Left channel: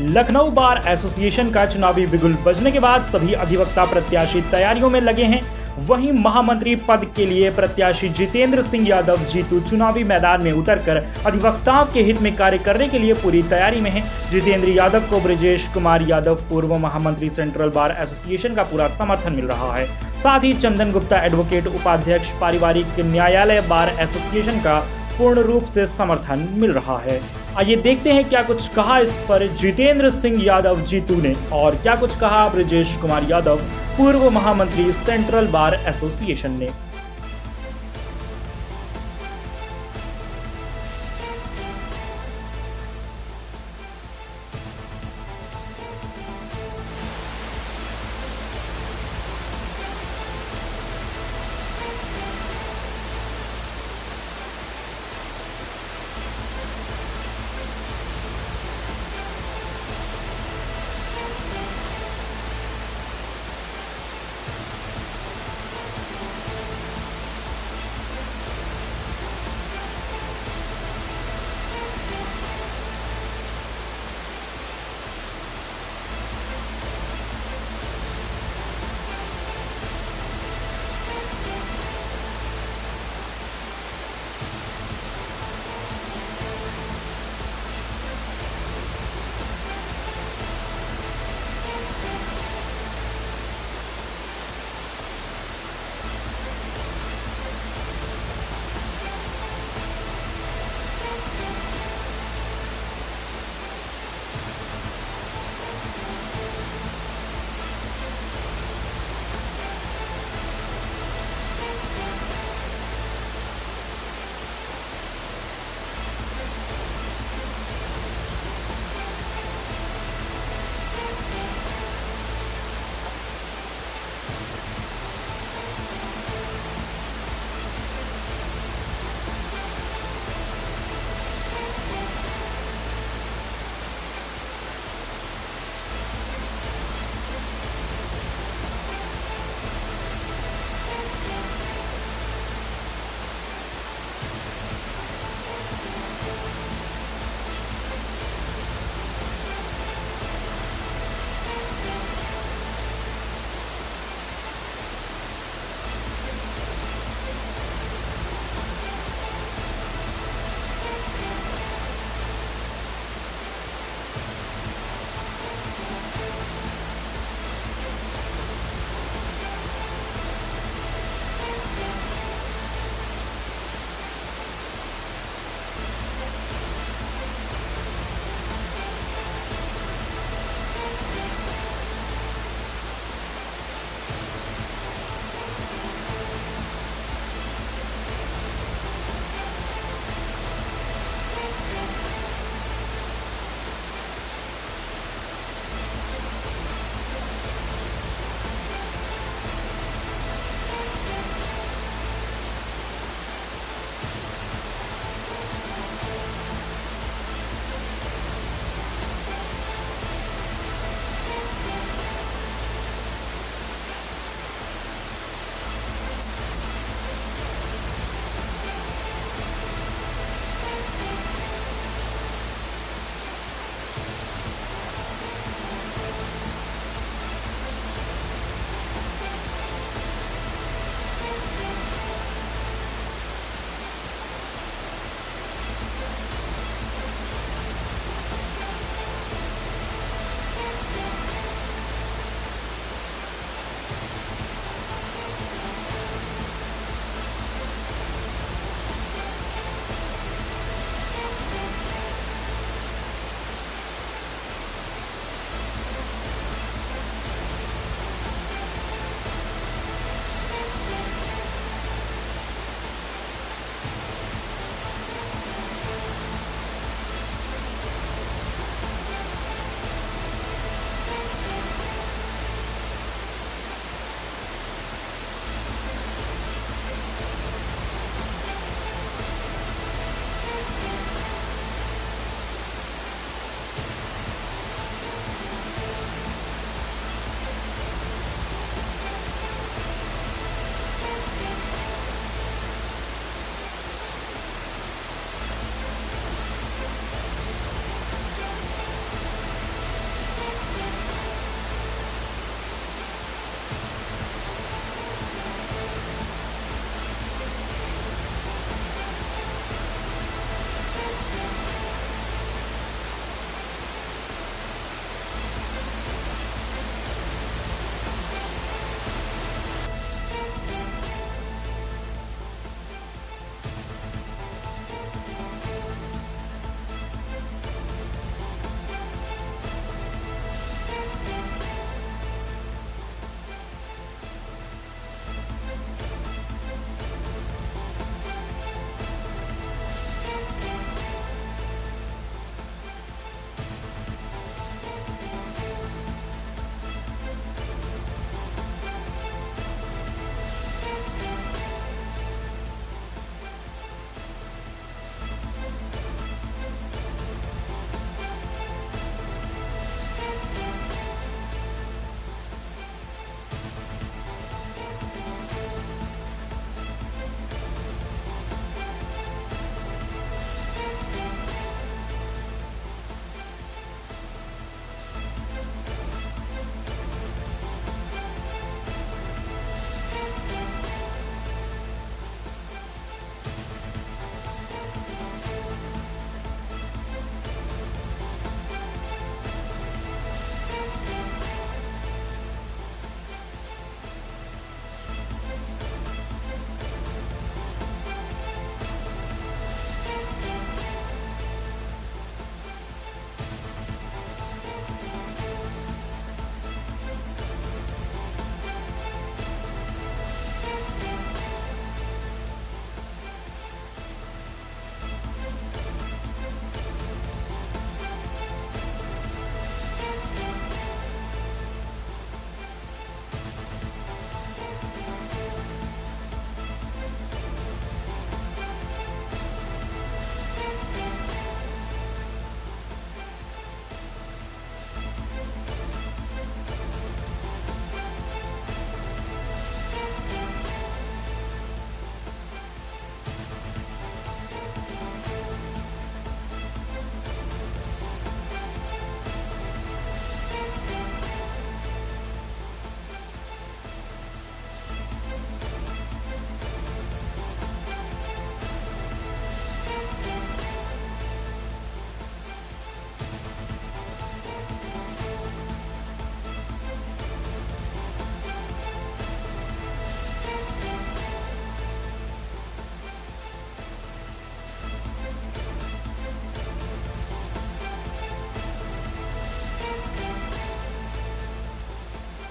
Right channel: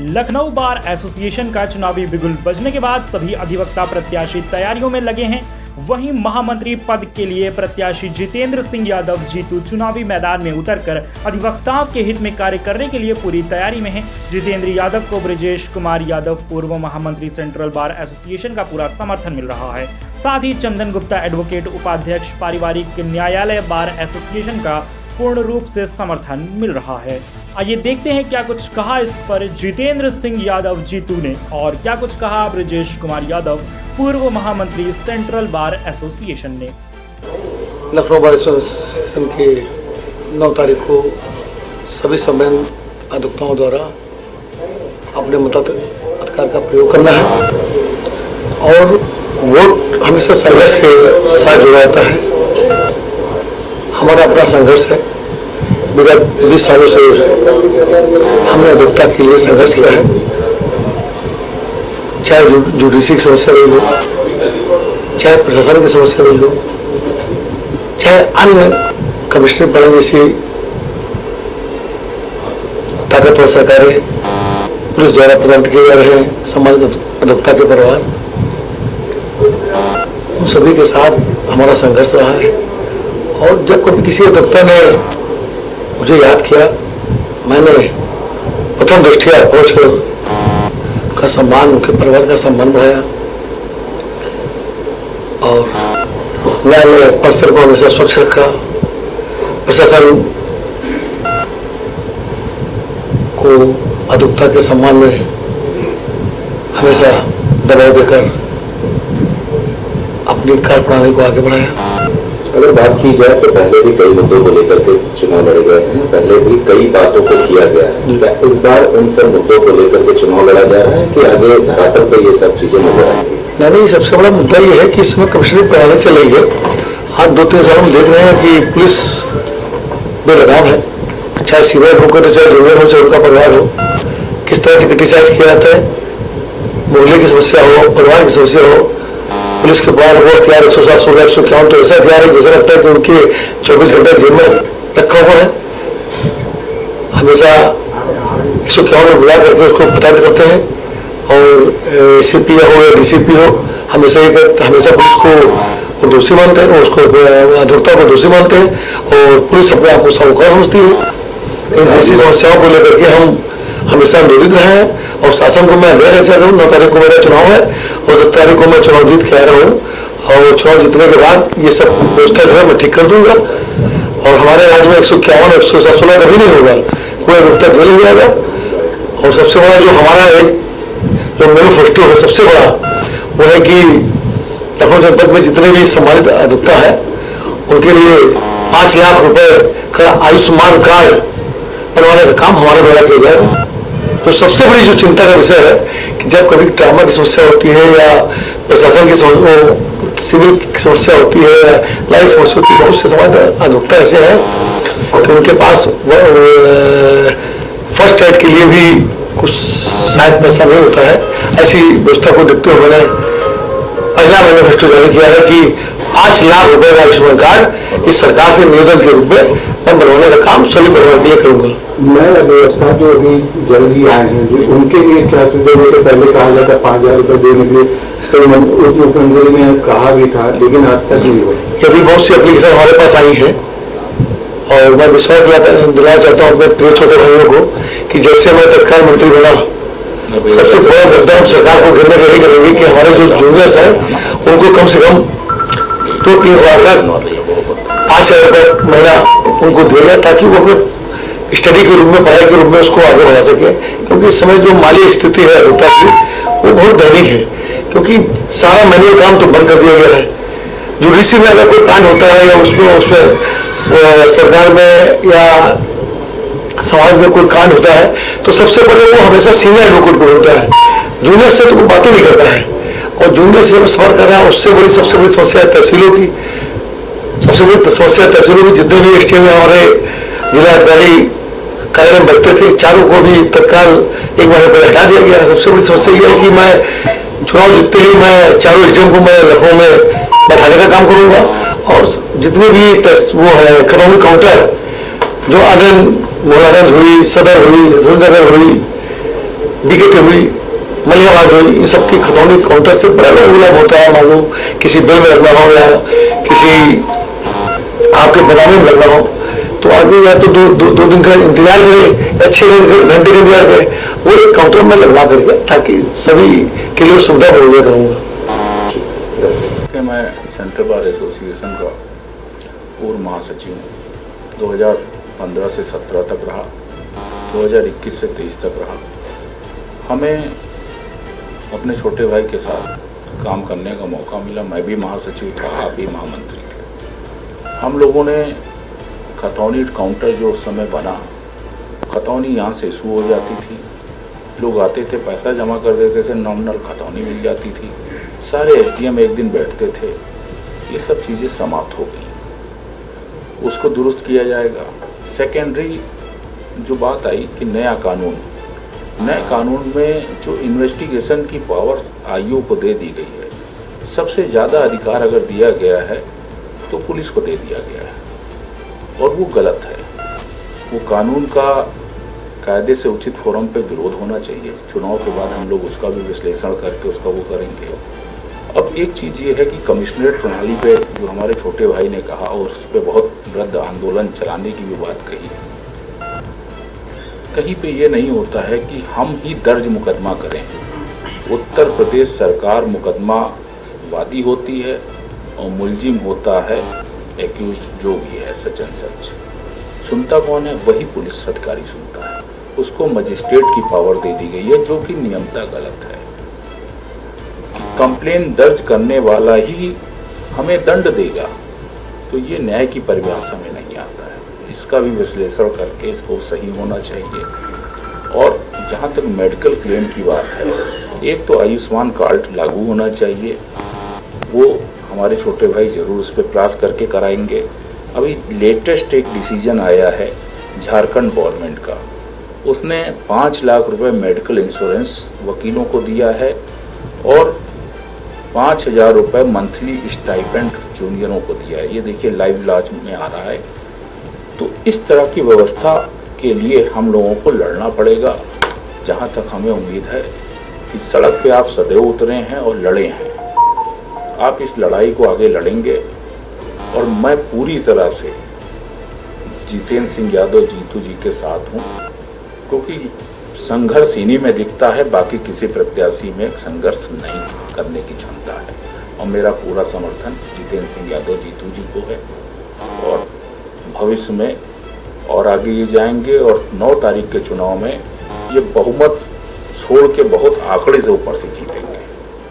Lucknow bar association का चुनावी बिगुल बजने के बाद सभी अधिवक्ता प्रत्याशी तैयारियों में लगे हैं। वहीं महामंत्री पद के लिए प्रत्याशी जितेंद्र सिंह यादव जीतू चुनावी मैदान में उतरकर अधिवक्ताओं के हित में कार्य करने के लिए पूरी तैयारी में हैं। जितेंद्र यादव को ब्रजेश कुमार यादव पूर्व महामंत्री सेंट्रल बार एसोसिएशन का पूरा समर्थन मिल रहा है। साथ ही चंदन गुप्ता एडवोकेट उपाध्यक्ष पारिवारिक न्यायालय बार एसोसिएशन का पूर्ण रूप से समर्थन मिल रहा है। आइए देखते हैं क्या कुछ कहा इस पर जितेंद्र सिंह यादव जीतू ने और क्या कुछ कहा ब्रजेश कुमार यादव पूर्व महामंत्री सेंट्रल बार एसोसिएशन ने। लखनऊ बार एसोसिएशन की 9 तारीख को सभी सम्मेलन अधिवक्ताओं द्वारा अपने मताधिकार का प्रयोग करना है और वोट हमेशा संघर्ष के साथ जुड़ा रहता है। हमारा अपना संघर्ष है। विगत 20 सालों से हमने अधिवक्ता के लिए संघर्ष किया है, चाहे जुडिशरी की समस्या रही हो, चाहे प्रशासन की समस्या रही हो, चाहे अन्य कमिश्नर पढ़े जैसी ताकतवर सरकारें पुलिस द्वारा प्रदान किए जा रहे हैं सम्मानित अधिवक्ता के परिवार, उन सभी के साथ हमारा संघर्ष रहा है। और जब कभी किसी अधिवक्ता ने मुझे याद किया, मैंने प्रथम दृष्टिया पहुँच कर उनका सम्मान, उनके परिवार का सम्मान बढ़ाया और न्यायालय परिसर को हमेशा स्वच्छ रखा, प्रशासन को अधिवक्ता के सम्मान में हमेशा दबाव देकर अपनी कार्यप्रणाली को आगे बढ़ाया। अगर बात की जाए तो पहले भी कई मुद्दों को लेकर के चुनाव लड़े गए हैं, पहले भी कई बातों को किया गया है। क्या इस बार इन सब मुद्दों को लेकर के चुनाव लड़ा जा रहा है कि आगे धरातल पर ये सब चीजें नजर आएंगी? नहीं, सबसे बड़ा मुद्दा ये है कि इसमें कमिश्नरी प्रणाली चल रही है। आज 2-3 साल हम देख रहे हैं कि पुलिस बेलगाम है, चाहे सीनियर एडवोकेट हो, चाहे जूनियर हो, चाहे उनका परिवार हो, किस तरह से क्रिटिसाइज किया जाता है। मोहल्ले की समस्या हो, परिवार की समस्या हो, पुलिस के पास वो हथियार 107, 16, 151 तो ऐसा हथियार है जैसा लगता है कि उनके 24 घंटे जेल में रखा हुआ है। हमेशा 151 में बुला करके उसको प्रताड़ित करते हैं और एसीपी हो या डीसीपी हो, हमेशा पुलिस को दोषी मानते हैं, उसको अधिवक्ता को दोषी मानते हैं और पुलिस अपने आप को साहूकार समझती है। ऐसी समस्याओं को लेकर के हम हमेशा आंदोलित रहे हैं और शासन को मैं अध्ययन चाहता हूँ। 9 तारीख को मेरा चुनाव है और 10 तारीख को मैं चुनाव जीत के आ रहा हूँ और चुनाव जीतने के बाद ये सब व्यवस्था जो है मैं ठीक कर दूंगा और हमारे राज्य में 151, 116 कभी नहीं होगा, कोई अधिवक्ता जेल नहीं जाएगा। और सबसे बड़ा जो हमारा एक जो मैनिफेस्टो है सबसे बड़ा वो है कि लखनऊ जनपद में जितने भी सम्मानित अधिवक्ता है उनके लिए 5 लाख रुपए का आयुष्मान कार्ड बनवाने का काम हमारे द्वारा किया जाएगा। तो सबसे बड़ी जो चिंता का विषय है कि जब कभी ट्रामा की समस्या होती है या प्रशासन की सिविल की समस्या होती है या लाई समस्या होती है, बहुत से समाज अधिवक्ता ऐसे हैं कि उनके पास फर्स्ट एड के लिए भी कुछ शायद पैसा नहीं होता है। ऐसी व्यवस्था को देखते हुए मैंने पहला मैनिफेस्टो जारी किया है कि 5 लाख रुपए का आयुष्मान कार्ड इस सरकार से निवेदन के रूप में मैं बनवाने का काम सभी परिवार के लिए करूंगा। मैं व्यवस्था जो अभी जल्दी आए हैं उनके लिए क्या सुझाव? पहले कहा जाता 5,000 रुपए देने के लिए, तो मुख्यमंत्री ने कहा भी था लेकिन आज तक नहीं हुआ। अभी बहुत सी एप्लीकेशन हमारे पास आई है और मैं विश्वास दिलाना चाहता हूँ अपने प्रिय छोटे भाइयों को कि जैसे मैं तत्काल मंत्री बना, सबसे बड़ा मुद्दा हम सरकार को घेरने का यही करेंगे कि हमारे जो जूनियर्स हैं उनको कम से कम 2-3 साल तक 5,000 रुपये महीना उनको दिया जाए ताकि वो अपने स्टडी के रूप में, पढ़ाई के रूप में उसको आगे बढ़ा सके। क्योंकि इस समय जो माली स्थिति है अधिवक्ता की वो बहुत दैनिक है, क्योंकि सारा मैनुअल काम तो बंद कर दिया गया है। जुडिशरी में अगर कोई कांड होता है या उसमें सरकार में या समाज में कोई कांड होता है तो सबसे पहले वो हमेशा सीनियर एडवोकेट को होता है, जूनियर से तो कोई बातें नहीं करता है। और जूनियर से सफर कर रहा है, उससे बड़ी सबसे बड़ी समस्या है तहसीलों की। सबसे बड़ी समस्या तहसीलों में जितने भी एसटीएम में हमारे जिलाधिकारी कार्य में बैठते थे, चारों को भी तत्काल 1 महीने पहले हटा दिया गया। सबसे बड़ी समस्या यह है कि मैं चुनाव जीतते ही मैं चारों एसडीएम को मैं लखनऊ में बैठाने का काम करूंगा और जितने भी वो है इकोनॉमिक काउंटर जो आनंद मोलागंज हुई, सदर हुई, रसूलनगर हुई, विकेट हुई, मलियाबाद हुई, इन सब की खतौनी काउंटर से बड़ा लाभ होता है। मान लो किसी बिल में लगना हो या किसी आपके बनाने में लगना हो, तो आदमी या तो दो दिन का इंतजार करे या 6 घंटे का इंतजार करे, वो एक काउंटर में लगवा करके, ताकि सभी के लिए सुविधा मुहैया करूँगा। मैं सेंट्रल बार एसोसिएशन का पूर्व महासचिव 2015 से 17 तक रहा, 2021 से 23 तक रहा। हमें अपने छोटे भाई के साथ काम करने का मौका मिला। मैं भी महासचिव था, आप भी महामंत्री थे। हम लोगों ने खतौनी काउंटर जो उस समय बना, खतौनी यहाँ से इशू हो जाती थी, लोग आते थे, पैसा जमा कर देते थे, नॉमिनल खतौनी मिल जाती थी, सारे एसडीएम एक दिन बैठते थे। ये सब चीज़ें समाप्त हो गई, उसको दुरुस्त किया जाएगा। सेकेंडरी जो बात आई कि नए कानून में जो इन्वेस्टिगेशन की पावर आईओ को दे दी गई है, सबसे ज़्यादा अधिकार अगर दिया गया है तो पुलिस को दे दिया गया है, और वो गलत है। वो कानून का कायदे से उचित फोरम पे विरोध होना चाहिए। चुनाव के बाद हम लोग उसका भी विश्लेषण करके उसका वो करेंगे। अब एक चीज़ ये है कि कमिश्नरेट प्रणाली पे जो हमारे छोटे भाई ने कहा, और उस पर बहुत गद्द आंदोलन चलाने की भी बात कही है, कहीं पे ये नहीं होता है कि हम ही दर्ज मुकदमा करें। उत्तर प्रदेश सरकार मुकदमा वादी होती है और मुलजिम होता है एक्यूज जो भी है, सच एंड सच। सुनता कौन है? वही पुलिस अधिकारी सुनता है। उसको मजिस्ट्रेट की पावर दे दी गई है, जो कि नियमता गलत है। कंप्लेन दर्ज करने वाला ही हमें दंड देगा, तो ये न्याय की परिभाषा में नहीं आता है। इसका भी विश्लेषण करके इसको सही होना चाहिए। और जहाँ तक मेडिकल क्लेम की बात है, एक तो आयुष्मान कार्ड लागू होना चाहिए, वो हमारे छोटे भाई जरूर उस पर प्रयास करके कराएंगे। अभी लेटेस्ट एक डिसीजन आया है झारखंड गवर्नमेंट का, उसने 5 लाख रुपए मेडिकल इंश्योरेंस वकीलों को दिया है और 5,000 रुपये मंथली स्टाइपेंड जूनियरों को दिया है। ये देखिए लाइव इलाज में आ रहा है। तो इस तरह की व्यवस्था के लिए हम लोगों को लड़ना पड़ेगा। जहाँ तक हमें उम्मीद है कि सड़क पे आप सदैव उतरे हैं और लड़े हैं, आप इस लड़ाई को आगे लड़ेंगे। और मैं पूरी तरह से जितेंद्र सिंह यादव जीतू जी के साथ हूँ, क्योंकि संघर्ष इन्हीं में दिखता है, बाकी किसी प्रत्याशी में संघर्ष नहीं करने की क्षमता है। और मेरा पूरा समर्थन जितेंद्र सिंह यादव जीतू जी को है, और भविष्य में और आगे ये जाएंगे। और 9 तारीख के चुनाव में ये बहुमत छोड़ के बहुत आंकड़े से ऊपर से जीत